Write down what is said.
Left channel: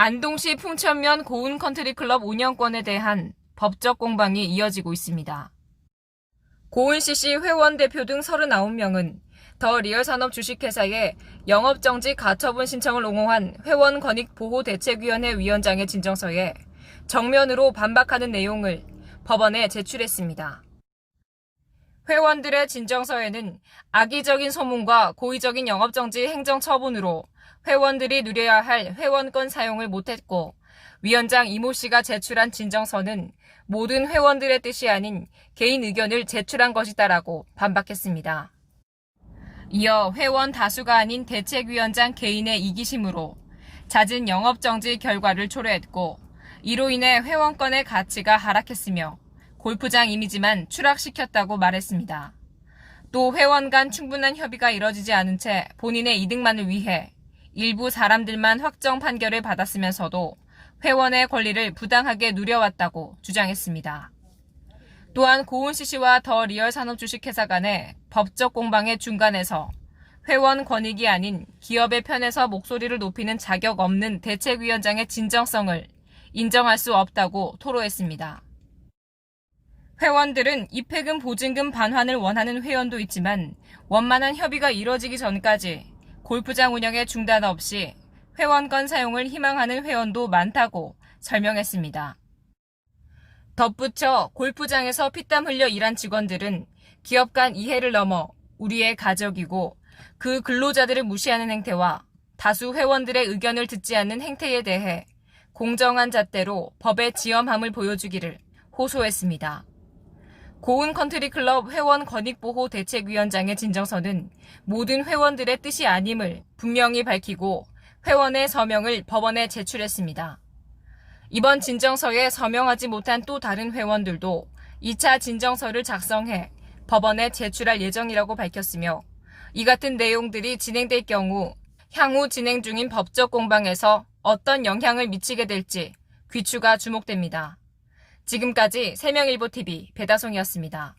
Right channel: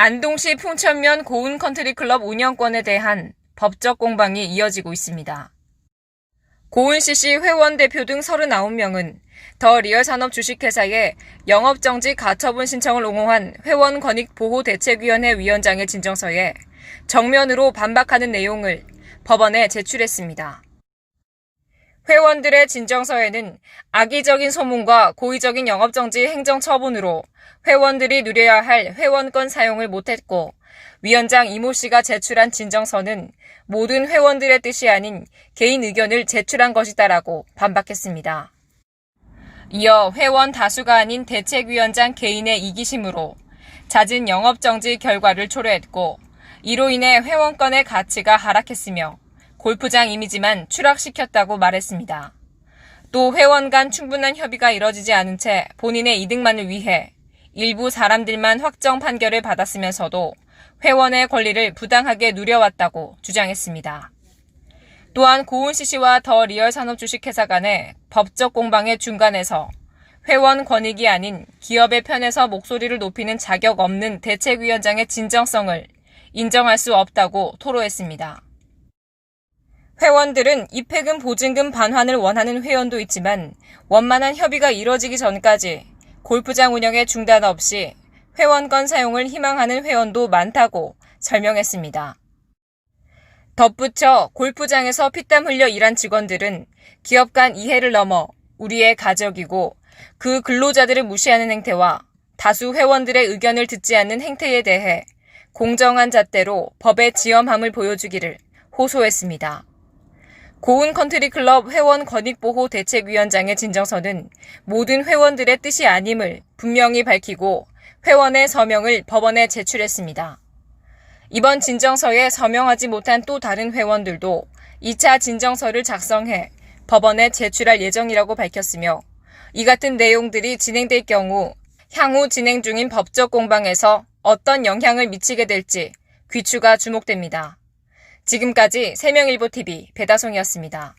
안동시 풍천면 고운 컨트리 클럽 운영권에 대한 법적 공방이 이어지고 있습니다. 고은 씨씨 회원 대표 등 39명은 더 리얼 산업 주식회사에 영업정지 가처분 신청을 옹호한 회원 권익 보호 대책위원회 위원장의 진정서에 정면으로 반박하는 내용을 법원에 제출했습니다. 회원들의 진정서에는 악의적인 소문과 고의적인 영업정지 행정 처분으로 회원들이 누려야 할 회원권 사용을 못했고 위원장 이모 씨가 제출한 진정서는 모든 회원들의 뜻이 아닌 개인 의견을 제출한 것이다라고 반박했습니다. 이어 회원 다수가 아닌 대책위원장 개인의 이기심으로 잦은 영업정지 결과를 초래했고 이로 인해 회원권의 가치가 하락했으며 골프장 이미지만 추락시켰다고 말했습니다. 또 회원 간 충분한 협의가 이뤄지지 않은 채 본인의 이득만을 위해 일부 사람들만 확정 판결을 받았으면서도 회원의 권리를 부당하게 누려왔다고 주장했습니다. 또한 고은 씨 씨와 더 리얼 산업 주식회사 간의 법적 공방의 중간에서 회원 권익이 아닌 기업의 편에서 목소리를 높이는 자격 없는 대책위원장의 진정성을 인정할 수 없다고 토로했습니다. 회원들은 입회금 보증금 반환을 원하는 회원도 있지만 원만한 협의가 이뤄지기 전까지 골프장 운영에 중단 없이 회원권 사용을 희망하는 회원도 많다고 설명했습니다. 덧붙여 골프장에서 피땀 흘려 일한 직원들은 기업 간 이해를 넘어 우리의 가족이고 그 근로자들을 무시하는 행태와 다수 회원들의 의견을 듣지 않는 행태에 대해 공정한 잣대로 법의 지엄함을 보여주기를 호소했습니다. 고은 컨트리 클럽 회원 권익보호 대책위원장의 진정서는 모든 회원들의 뜻이 아님을 분명히 밝히고 회원의 서명을 법원에 제출했습니다. 이번 진정서에 서명하지 못한 또 다른 회원들도 2차 진정서를 작성해 법원에 제출할 예정이라고 밝혔으며 이 같은 내용들이 진행될 경우 향후 진행 중인 법적 공방에서 어떤 영향을 미치게 될지 귀추가 주목됩니다. 지금까지 세명일보TV 배다송이었습니다.